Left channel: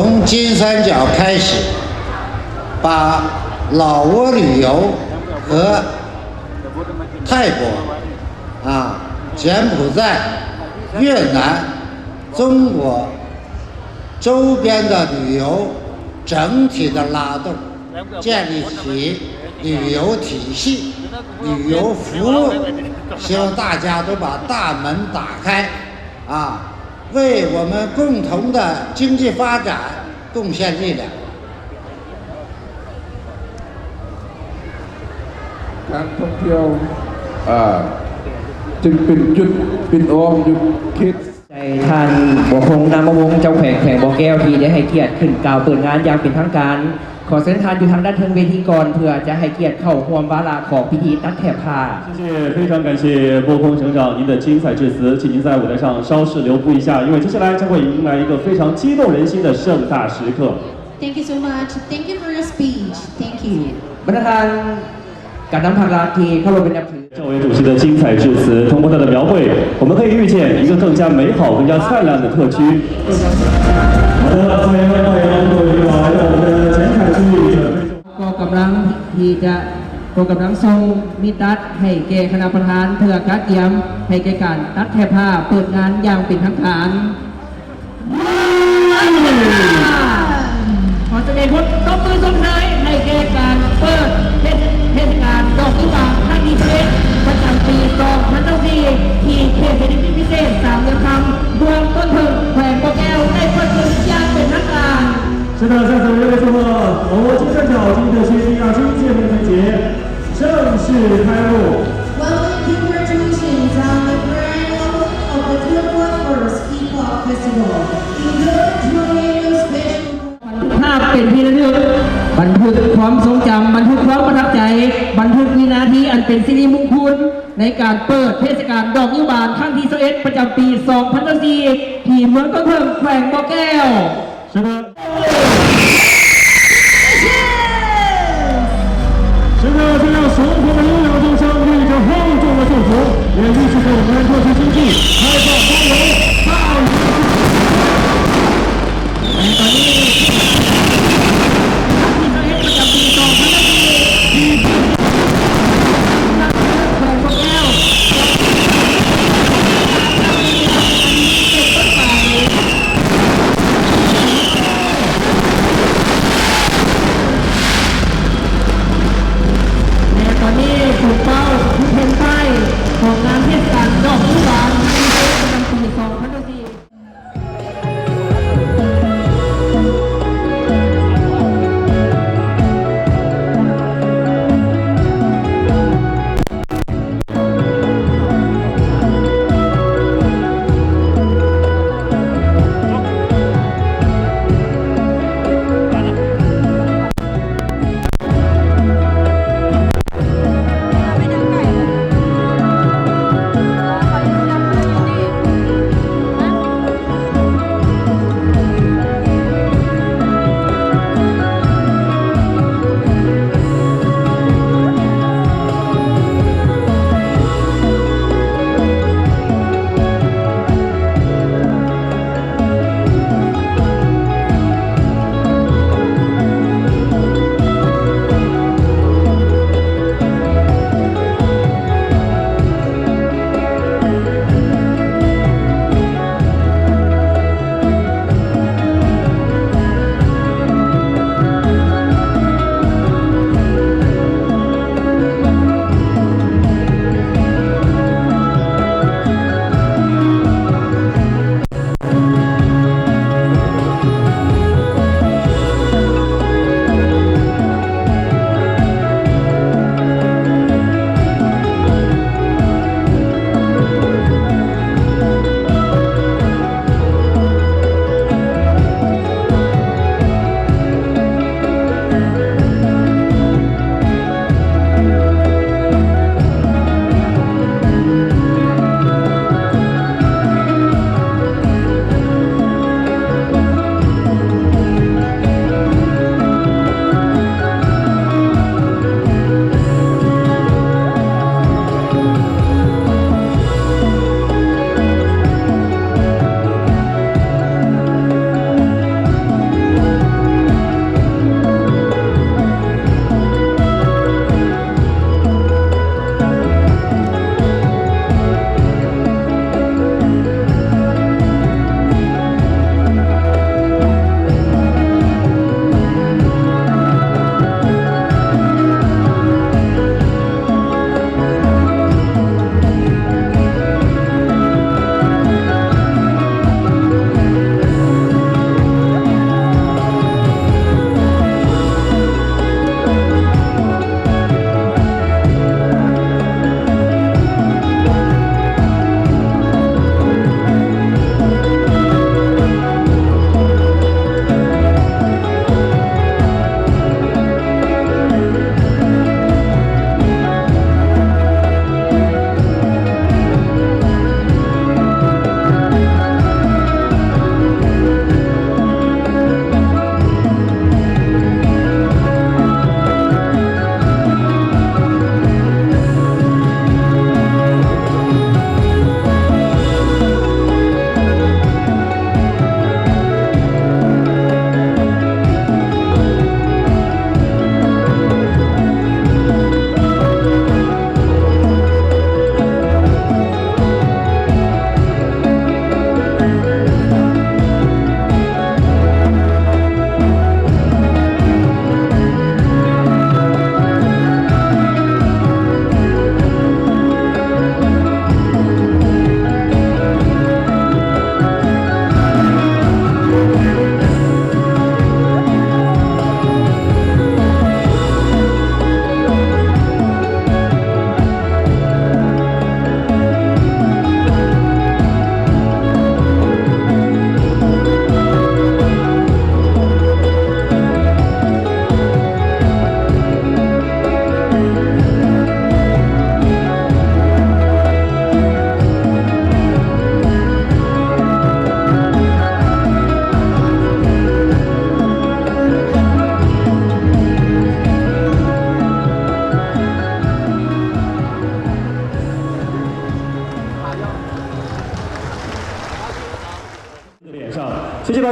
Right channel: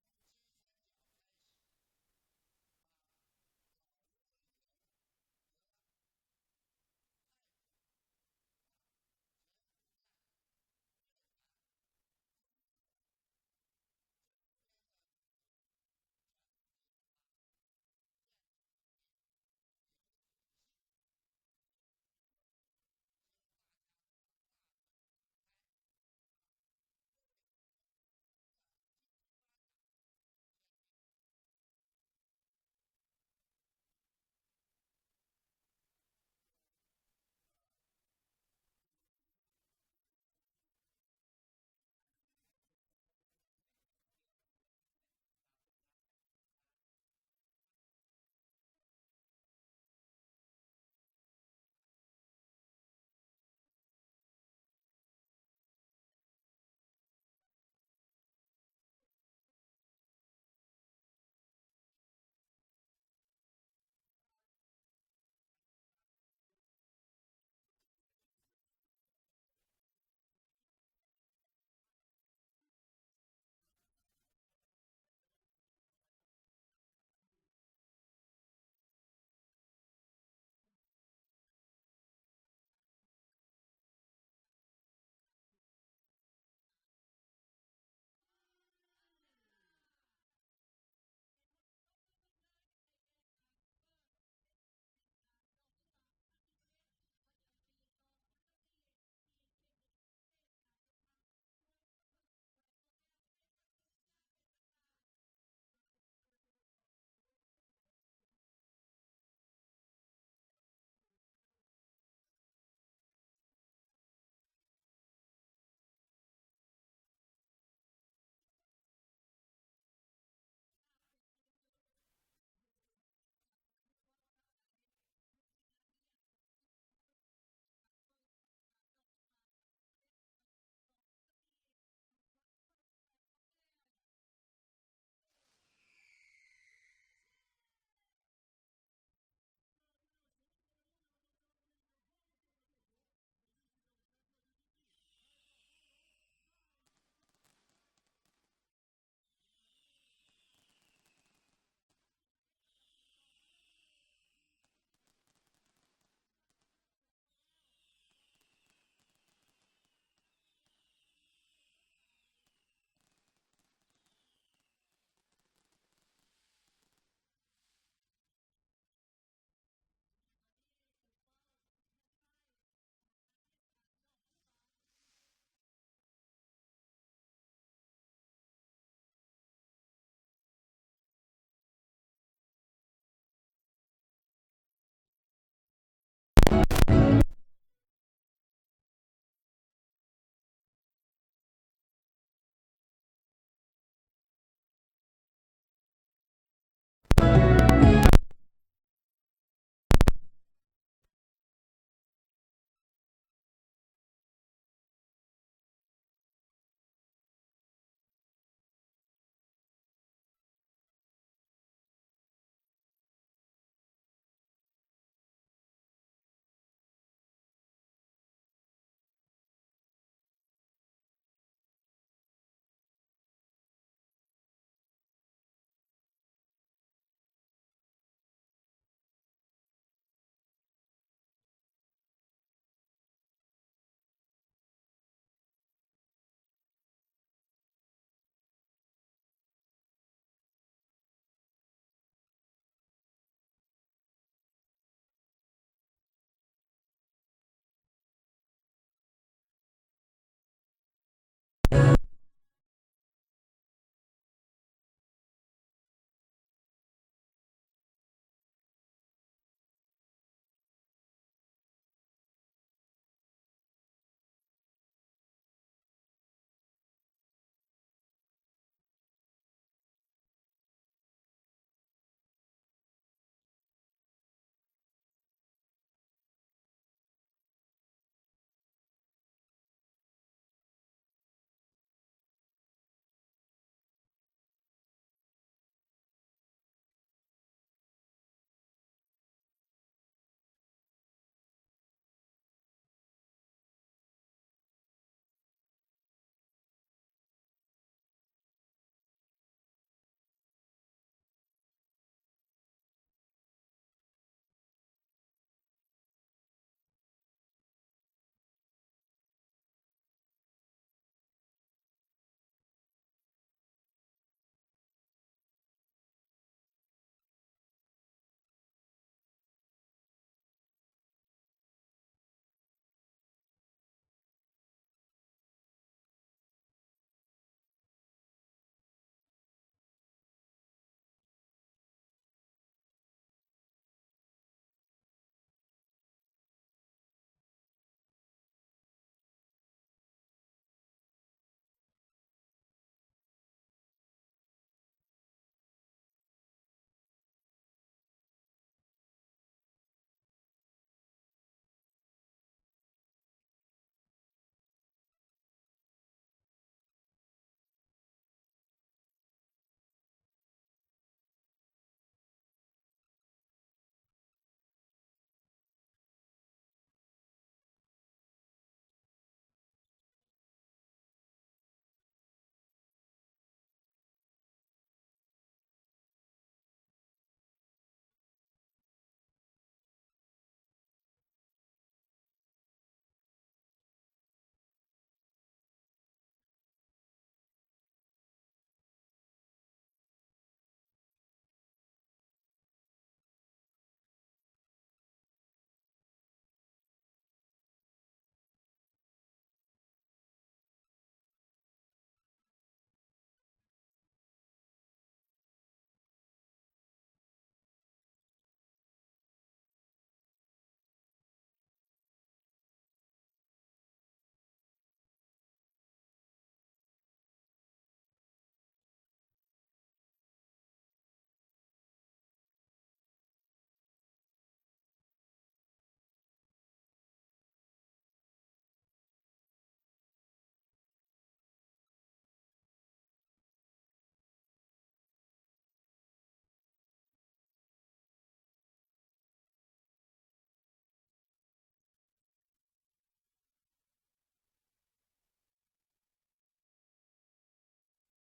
从金三角开始，把老挝旅游和泰国、柬埔寨、越南、中国周边的旅游整体的拉动，建立起旅游体系、旅游服务，希望大家都把大门打开，为我们共同的经济发展贡献力量。การท่องเที่ยวจึงเป็นจุดปิดอ้อมจุดคิดใจท่านบัวคงนามวงศ์เจ้าแขวงบ่อแก้วที่ได้ให้เกียรติขึ้นกล่าวเปิดงานอย่างเป็นทางการขอเชิญท่านอยู่ทางด้านเทิงเวทีก่อนเพื่อจะให้เกียรติเข้าร่วมวาระของพิธีตัดแถบผ้า谢谢，非常感谢波空省长您的精彩致辞，请您在舞台上稍事留步一下，因为接下来将会迎来一个非常激动人心的盛大时刻。Thank you so much. Thank you for your speech. Thank you. บรรดาท่านการนำทางราที่เข้าร่วมเป็นนับถือ政委主席的精彩致辞，通过他的描绘，我们可以预见一个更加美好、更加灿烂的特区。好的，下面欢迎各位来到我们的前台区域准备。ก็กำลังที่จะก็กำลังทรงมิตรให้แก่คณะประธานเพื่อการเตรียมให้แก่การตัดแถบผ้าเปิดงานอย่างเป็นทางการขอแสดงผลตบมือส่งท้ายให้แก่การเปิดเทศกาลดอกกุหลาบครั้งที่11ประจำปี2024ที่เขตเศรษฐกิจพิเศษ3 เดือนคำรวมต้นถึงแขวงบ่อแก้วได้เปิดขึ้นอย่างเป็นทางการ是的，在此热烈祝贺我国金三角经济特区第27届论坛节正式开幕。Well, congratulations on the grand opening of the 21st Epoch Festival. Enjoy special. ภาพเป็นที่ระลึกบันทึกความทรงจำบันทึกความประทับใจบันทึกวินาทีอันเป็นสิริมงคลในการเปิดเทศกาลดอกนิ้วบานครั้งที่11ประจำปี2024ที่เมืองต้นเทิงแขวงบ่อแก้ว是的。是的，这让生活的悠扬中相对着厚重的祝福，也预示着我们特区经济开放包容、大有ตอนนี้ครั้งที่11ประจำปี2024ที่แขวงบ่อแก้วตอนนี้ถูกเป้าทุกเพนป้ายของงานเทศกาลดอกนิ้วบานประจำปี2024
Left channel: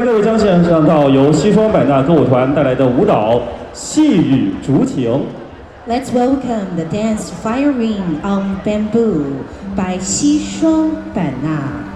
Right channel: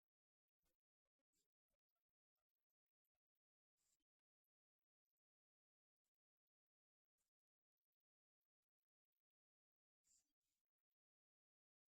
各位将献上到由西双版纳歌舞团带来的舞蹈《细雨竹情》。 Let's welcome the dance Fire Ring on Bamboo by 西双版纳。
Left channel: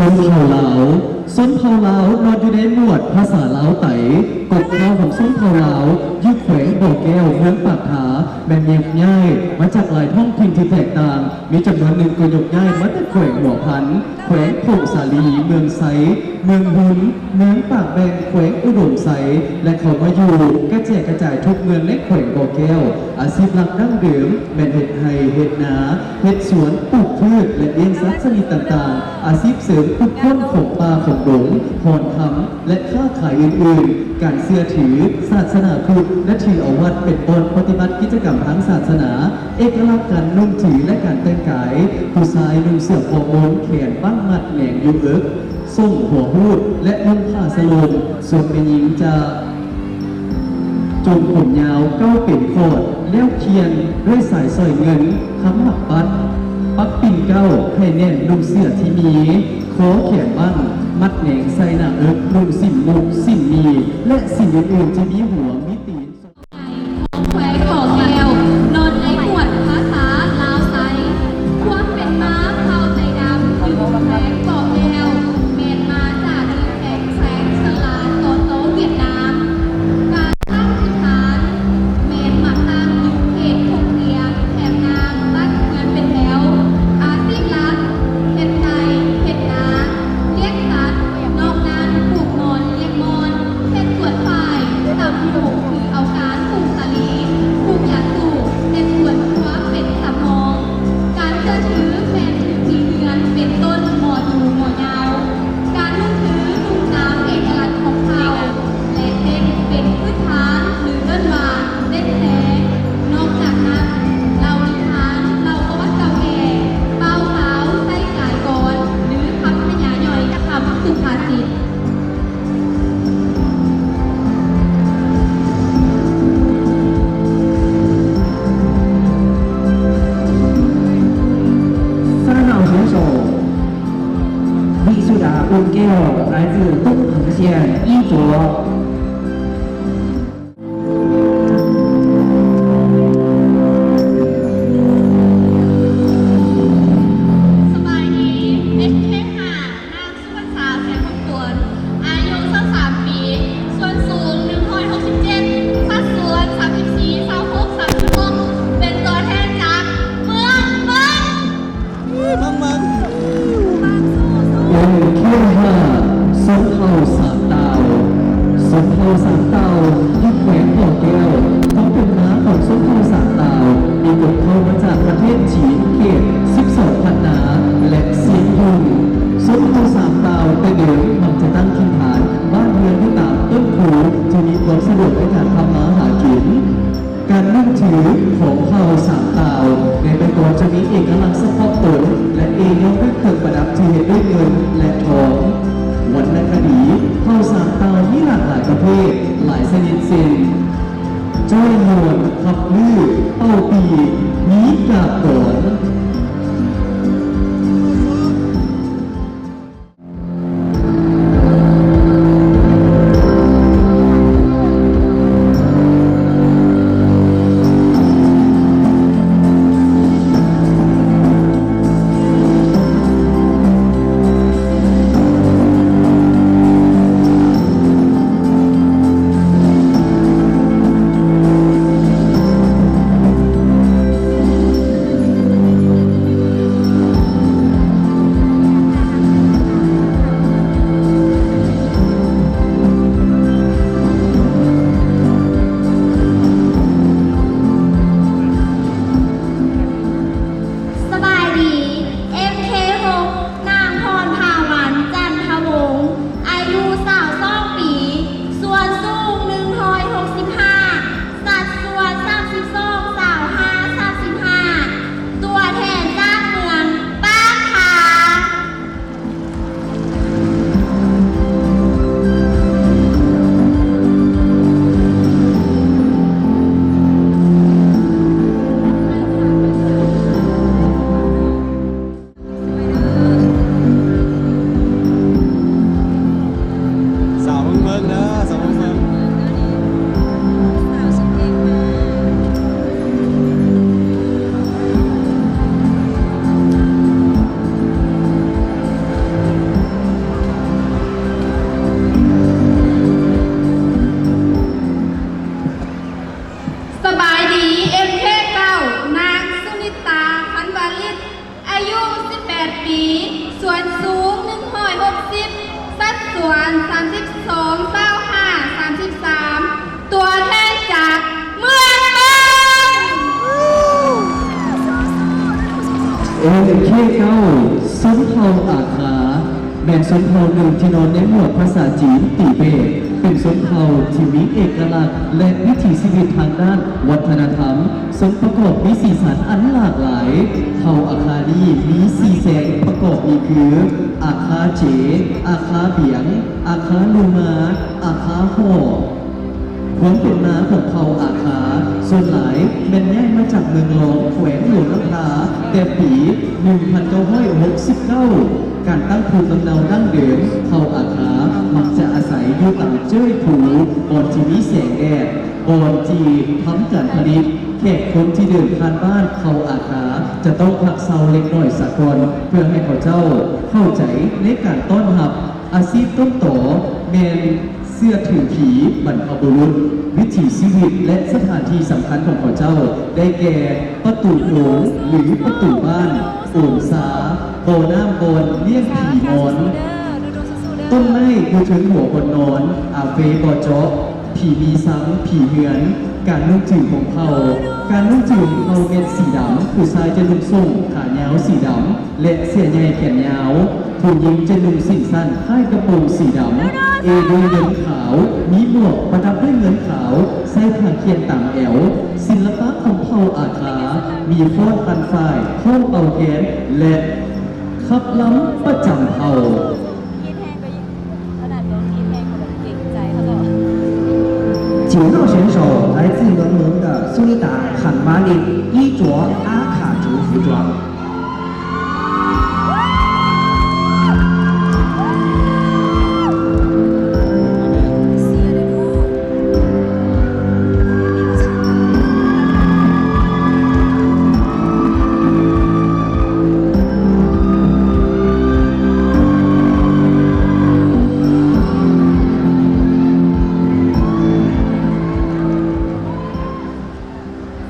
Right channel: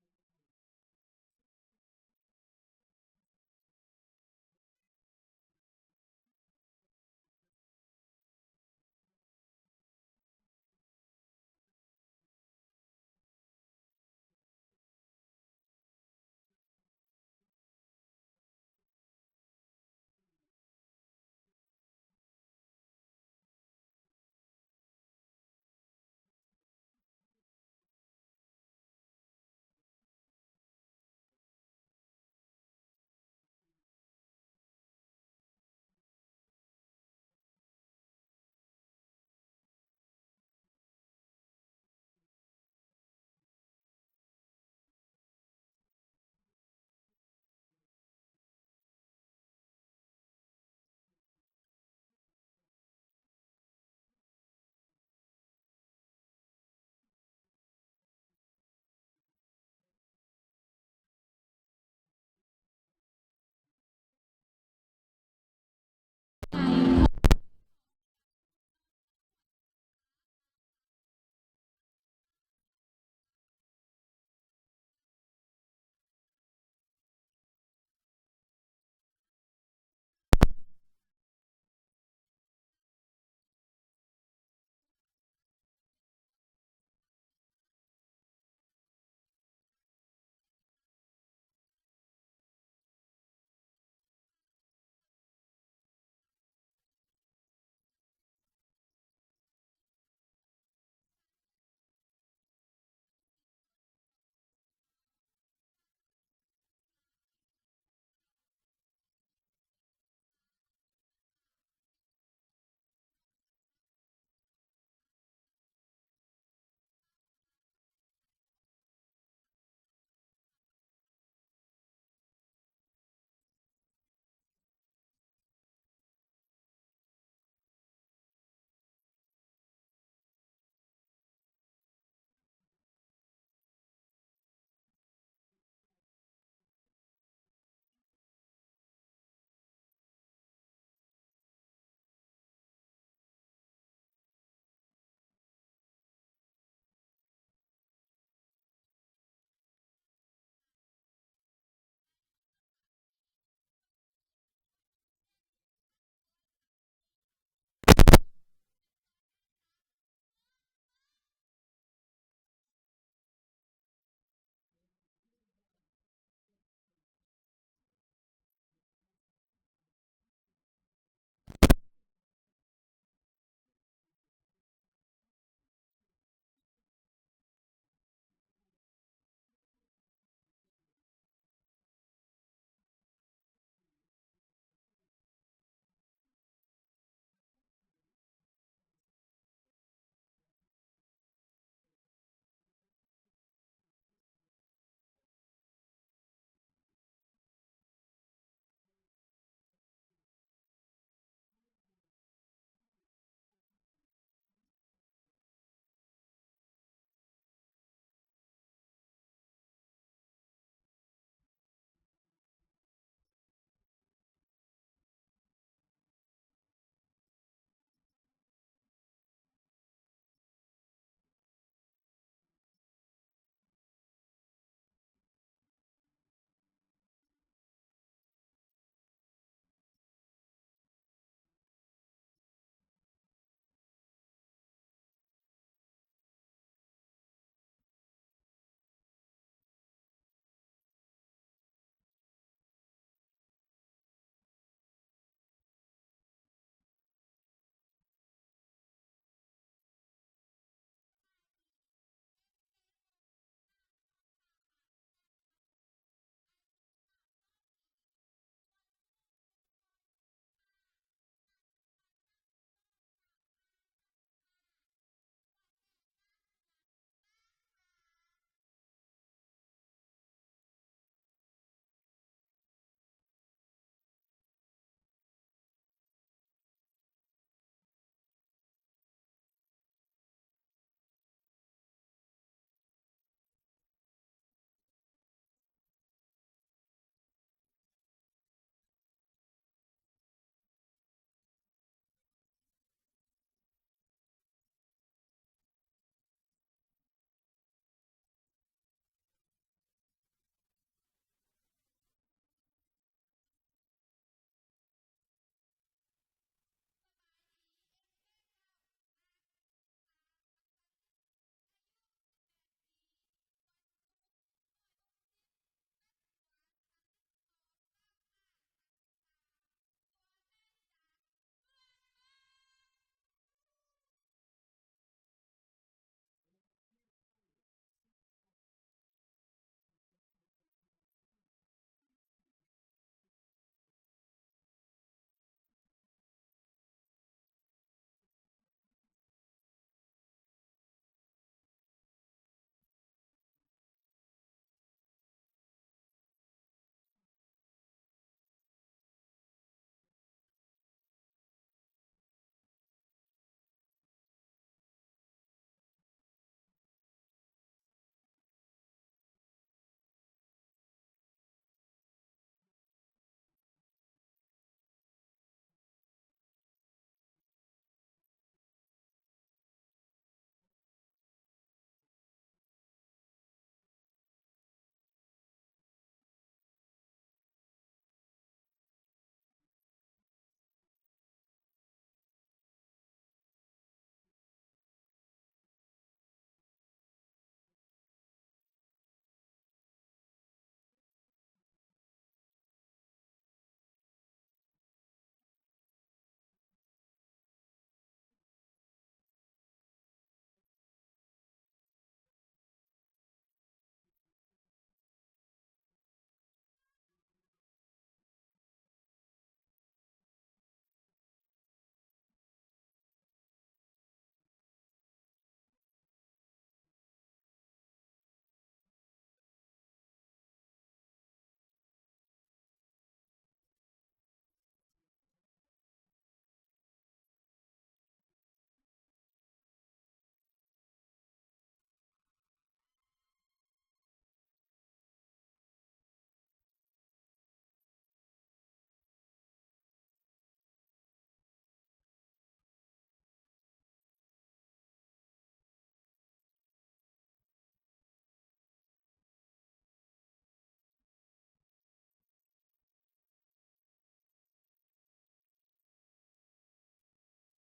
ส้นเผาเหลาส้นเผาเหลานอนอยู่ในหมวดภาษาลาวไต่กบข้าวของส้นเผาเหลายึดแขวงบ่อแก้วเมืองปากถาแบ่งเรียบง่ายมาจากหลายท้องถิ่นที่แตกต่างมีจำนวนหนึ่งก็ยกง่ายมาจากแขวงหัวพันแขวงโพสาลีเมืองไซเมืองหุนเมืองปากแบงแขวงอุดมไซและเขามาอยู่กระจายกระจายทุกเมืองในแขวงบ่อแก้วอาชีพหลักดั้งเดิมแม่นเห็ดไห่เห็ดนาเห็ดสวนปลูกพืชและเลี้ยงสัตว์ชนิดต่างๆอาชีพเสริมปลูกต้นของป่าของดงหอนทำและค้าขายอื่นๆการเสื้อถือศาสนาพุทธและถือเอาวัดเป็นบอนปฏิบัติกิจกรรมทางศาสนาเอกลักษณ์การนุ่งถือและการแต่งกายผู้ชายนุ่งเสื้อคอโมนแขนบ้างมัดแหนงยุงเอิกส่งหัวพูดและนุ่งผ้าสโลงส่วนเป็นหญิงจะจงผมยาวเก้าเป็นโคดแล้วเคียนด้วยสายสร้อยเงินคำหมักปัดปักปิ่นเก้าให้แน่นนุ่งเสื้อที่มีโค้แขนบ้างมัดแหนงใส่หน้าเอิกนุ่งสิ่งมุกสิ่งมีและสิ่งอื่นๆจะมีหัวมีตีน ของแขวงบ่อแก้วนอนในหมวดภาษาลาวไซความเป็นม้าเผาใจดำอยู่แขวงบ่อแก้วเมนมาจากดินแข็งแสงสลาโตโตเวียดนามการตั้งพื้นฐานเมนมาตั้งอยู่เขตทงเรียงแถบนางบ้านเมืองเป็นแถวอาชีพหลักเฮ็ดไก่เฮ็ดนาเลี้ยงสัตว์นอกนั้นปลูกมอนเลี้ยงมอนเฮ็ดสวนฝ่ายตำหมูคือเอาการปลูกสาลีปลูกยาสูบเฮ็ดสวนครัวเป็นสำรอง การเชื่อถือแฟนถือสีเดือนเป็นต้นหมอดูหมอยาว การนุ่งถือนุ่งน้ำเอกลักษณ์ของเขาและเต้นเป็นพื้นฐานหรือเดินวานเต้นแสงนอกจากนั้นเรานิทานเราประวัติเก่าแก่เบาสาวใส่สายก่อนหรือคำพญาย่อยคำสุภาษิต 三号选手李树达温给来自东横县衣着。สบายดีเด็กเพ่งหานางสุพรรษาแสงมงคลอายุ23 ปีส่วนสูง167สัดส่วน34 26 36เป็นตัวแทนจากเมืองเมือง โอ้เขี้ยวห้าส้นเผาสามดาวส้นเผาสามดาวยึดแขวงบ่อแก้วต้องเป็นม้าของส้นเผาสามดาวมีบทเข้ามาจากประเทศจีนเขต12พันนาและเซียงยุงส้นเผาสามดาวแต่เดิมมันจะตั้งถิ่นฐานบ้านเรือนที่ตามต้นผูจะมีความสะดวกในการทำมาหากิน การนั่งถือของเผ่าสามดาวในใบตัวจะมีเอกลักษณ์เฉพาะตนและเองยังด้วยเครื่องประดับที่เห็นด้วยเงินและทองวรรณคดีเผ่าสามดาวมีหลากหลายประเภทหลายชนิดเช่นจ้อยนวลขับลื้อเป้าปีมีกาบโขน เผ่าอาขาแม่นชนเผ่าหนึ่งที่นอนในหมวดภาษาจีนติเบตเป็นชนเผ่าที่มีเอกลักษณ์และวิถีชีวิตทางด้านวัฒนธรรมสมประกอบมีสีสันอันหลากหลายเผ่าอาคานี้มีสีแสงประกอบมีคืออาคาเจอาคาเบียงอาคาลูมาอาคาห่อความเป็นมาของเผ่าอาคาส่วนหลายแม่นย้ายมาจากเมืองรองแขวงหลวงลังกาแต่ปี 1969 การตั้งภูมิลำเนาดั้งเดิมเผ่าอาคามักจะอาศัยอยู่ตามเจ้ยผูบอนที่มีแสงแดดบอนที่ทำการผลิตแขกคนที่เดินผ่านบ้านเผ่าอาคาจะต้องพักเซาเล็กน้อยสักก่อนเพื่อให้เขาเจ้าเข้าใจในการต้อนรับอาชีพต้นต่อแมนเสื้อถือผีบรรพบุรุษวิถีชีวิตและสถานที่สำคัญของเขาเจ้าได้แก่ประตูโขงหรือประตูบ้านโอ่งสาโบน้ำบนเลี้ยงผีมอนต้นไม้อยู่ถึงหัวคนนอนอาเฟบอเจาะผีมีซ้ำผีเหือนการนุ่งจืดของเขาการนุ่งจืดของเขาเป็นสีดำผู้ชายจะนุ่งส่งขายาวสีดำและเสื้อใหญ่แขนยาวผู้หญิงจะนุ่งสิ้นสั้นให้กระโปรงสีดำด้วยเงินขาวมีหมวกประดับด้วยเงินขาวใส่ผ้าเขียนต่างแอวศิลปะของเผ่าอาคามีฟ้อนปันฝ่ายข้องเอาแขนและขับล้ำประจำเผ่า9号选手来自伦敦的苏利达·坎巴利，衣着阿卡族服装。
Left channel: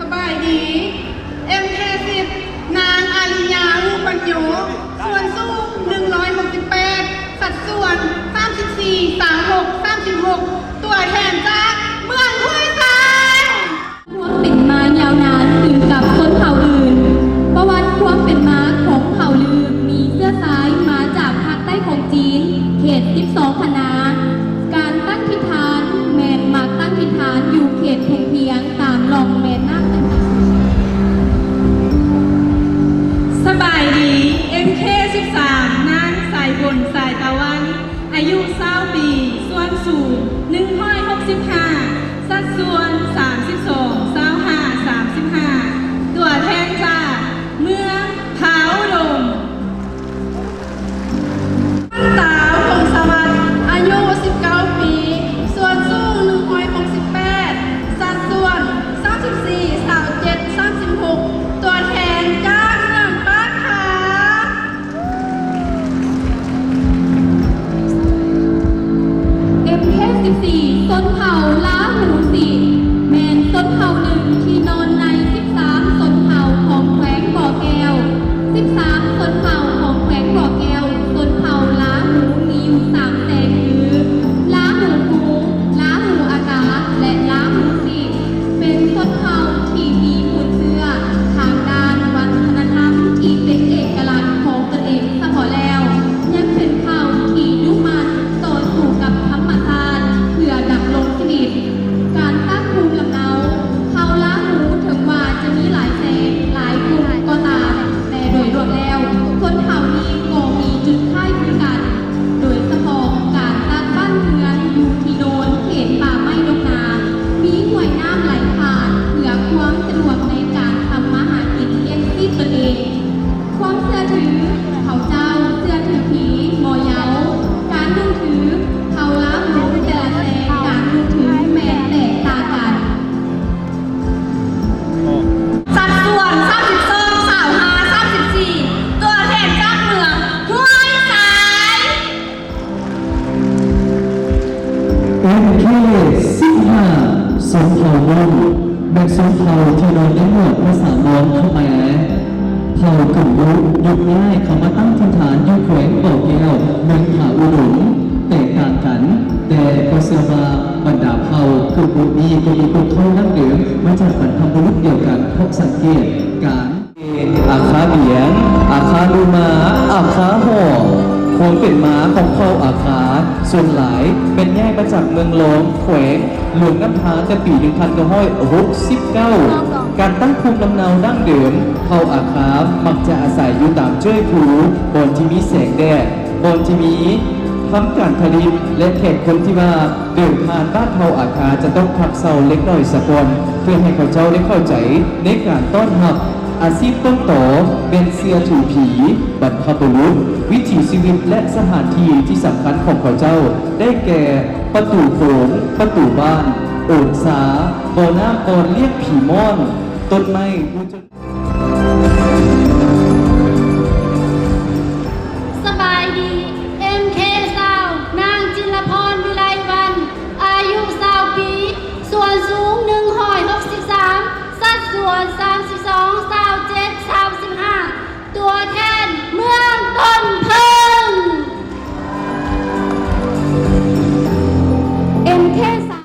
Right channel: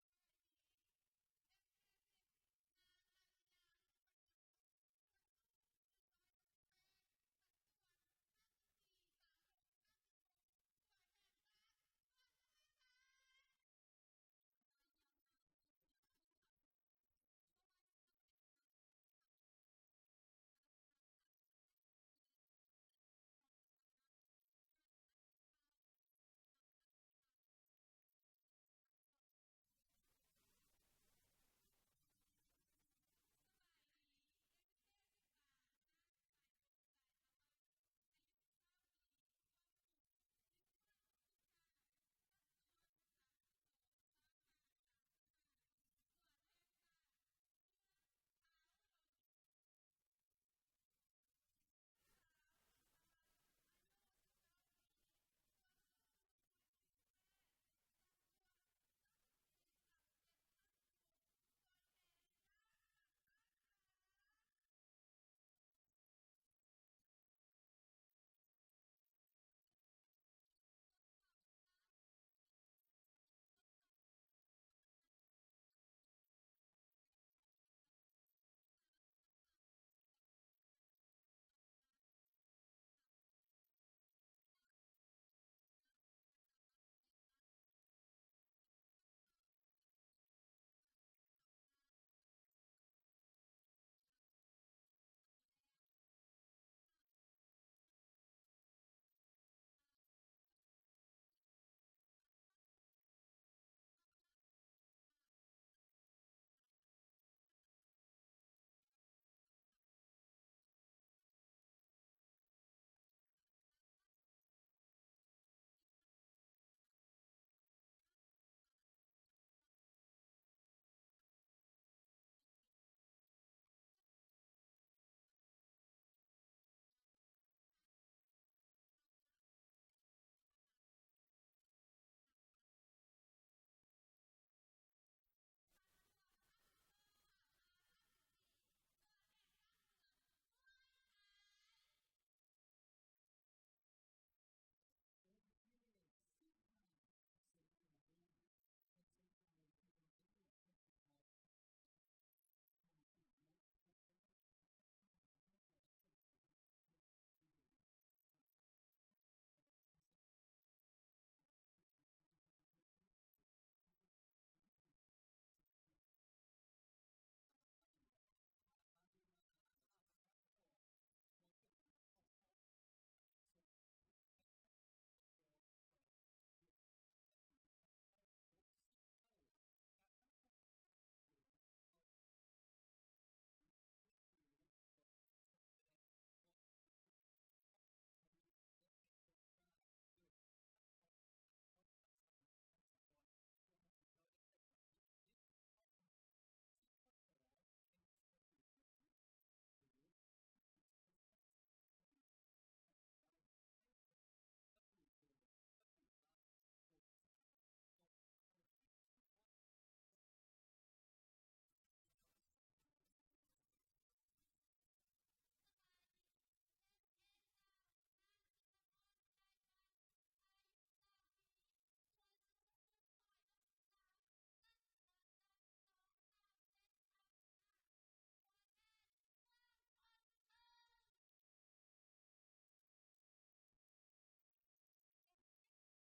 สบายดี MK10 นางอาริยาลูกปัญโยส่วนสูง168 สัดส่วน 34 36 36 ตัวแทนจากเมืองห้วยทราย ความเป็นมายาวนานถึงกับชนเผ่าอื่น ประวัติความเป็นมาของเผ่าลือมีเสื้อสายมาจากภาคใต้ของจีน เขต 12 คณะการตั้งทิฐานแมนมาตั้งทิฐานอยู่เขตเพียงตามลองแมนน้ำ สบายดี MK13 นางสายฝนสายตะวัน อายุ20 ปี ส่วนสูง165 สัดส่วน 32 25 35 ตัวแทนจากเมืองผาอุดมสาวพงศวรรค์อายุ 19 ปี ส่วนสูง168 สัดส่วน 34 37 36 ตัวแทนจากเมืองบ้านขา MK14 ชนเผ่าล้าหูสีแมนชนเผ่าหนึ่งที่นอนใน 13 ชนเผ่าของแขวงบ่อแก้ว 13 ชนเผ่าของแขวงบ่อแก้วชนเผ่าล้าหูมีอยู่3แสงคือล้าหูหูล้าหูอากาศและล้าหูสีเป็นชนเผ่าที่มีคุณเชื่อทางด้านวัฒนธรรมที่เป็นเอกลักษณ์ของตนเองเฉพาะแล้วยังเป็นเผ่าที่ยุ่งมันต่อสู้กับธรรมชาติเพื่อดำรงชีวิตการตั้งภูมิลำเนาเผ่าล้าหูถึงว่าจะมีหลายแสงหลายกลุ่มก็ตามแต่โดยรวมแล้วคนเผ่านี้ก็มีจุดคล้ายคลึงกัน โดยเฉพาะการตั้งบ้านเรือนอยู่ที่โนนเขตป่าไม้ดงนา มีห้วยน้ำไหลผ่านเพื่อความสะดวกในการทำมาหากินเลี้ยงชีพตนเอง ความเชื่อถือเขาเจ้าเชื่อถือผีมอเยาการนุ่งถือเขาล้าหูแต่ละแสงการนุ่งถือแม้แตกต่างกัน สัดส่วน 32 35 34 ตัวแทนจากเมืองห้วยทราย MK15 ชนเผ่ามงเป็นชนเผ่าที่นอนในหมวดภาษามงขแมเผ่ากึ่งยุยุคง่ายเขามาตั้งถิ่นฐานอยู่แขวงบ่อแก้วเมืองผาอุดมแตกต่างกัน แต่ก็เชื่อว่าบรรดาเผ่ากึ่งบุรีก็มีคนเข้าดั้งเดิมมาจากบรรพบุรุษเดียวกันพบสังเกตการอาคาเบียงอาคาลูมาอาคาห่อ ส่วนหลายเป็นแยกมาจากเมืองหลวงแขวงหลวงน้ำทานแต่ปี1969การตั้งภูมิลำเนาดั้งเดิมเผ่าอาคามักจะอาศัยอยู่ตามเจ้ยผูบอนที่มีแสงแดดบอนที่มีทำการผลิตและแขกคนที่ว่าเดินผ่านบ้านเผ่าอาคาจะต้องพักเซาเล็กน้อยสักวันเพื่อให้เขาเจ้าได้เข้าใจในการต้อนรับอาชีพต้นต่อเป็นเสื้อถูผีบรรพบุรุษวิถีชีวิตและสถานที่ที่สำคัญของเขาเจ้าได้แก่ประตูโขงประตูบ้านโอนสาบ่อน้ำบ่อเรียกผีม่อนต้นไม้มูจน สบายดี MK สาวนางจิรพรวิไลวัน อายุ20 ปี ส่วนสูง163 สัดส่วน32 27 35 ตัวแทนเมืองต้นเพิ่ง MK สาว